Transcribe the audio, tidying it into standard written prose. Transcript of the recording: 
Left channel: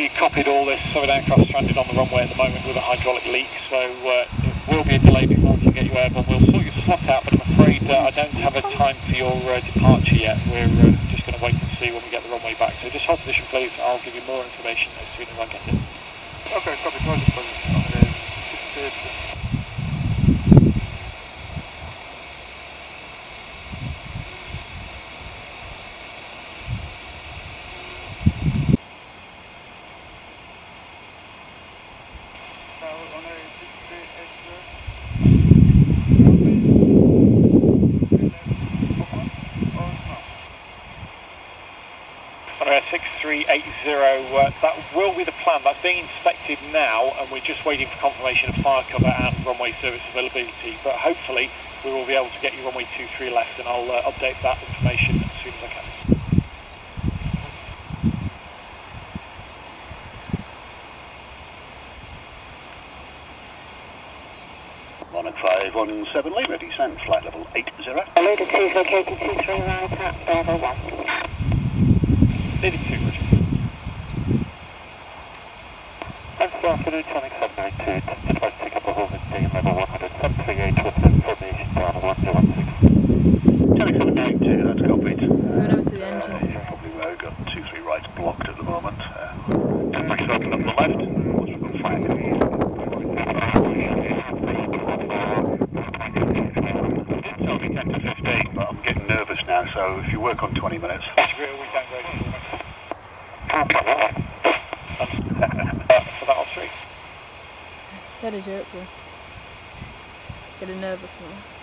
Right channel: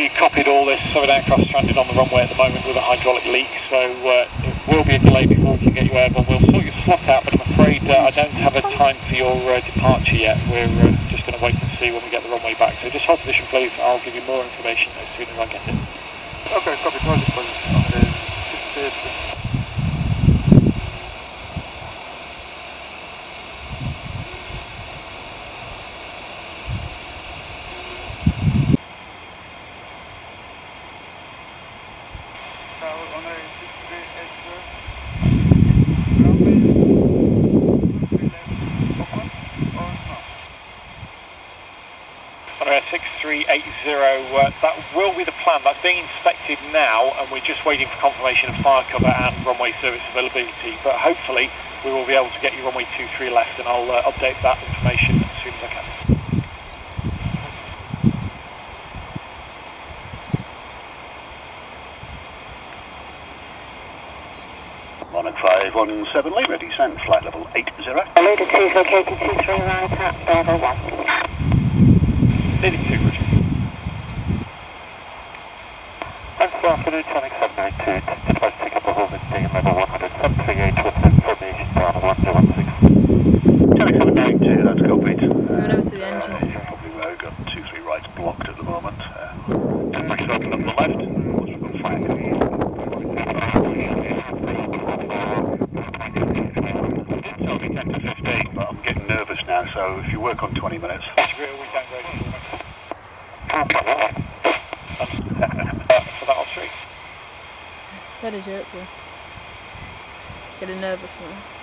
We copied all this, so an aircraft stranded on the runway at the moment with a hydraulic leak, so it will be a delay before we can get you airborne. We'll sort your slot out, but I'm afraid I don't have a time for your departure yet. We're just going to wait and see when we get the runway back. So just hold position, please. I'll give you more information as soon as I get it. Okay, copy. Hold the position. Runway 6380, that will be the plan. That's being inspected now, and we're just waiting for confirmation of fire cover and runway service availability. But hopefully we will be able to get you runway 23 left, and I'll update that information as soon as I can. 1517 Lima, descent, flight level 80. Leader 2 is located 23 right at Bravo 1. Leader 2, Roger. Good afternoon, Tonic 792. Advise take up a hold at day level 100.738 with information Bravo 116. Tonic 792, that's copied. Going over to the engine. Probably where we've got 2-3 rights blocked at the moment. Just open up the left. Once we've got fire cover. Told me 10 to 15, but I'm getting nervous now, so if you work on 20 minutes. For that off street. Had a joke, bro. Getting nervous now.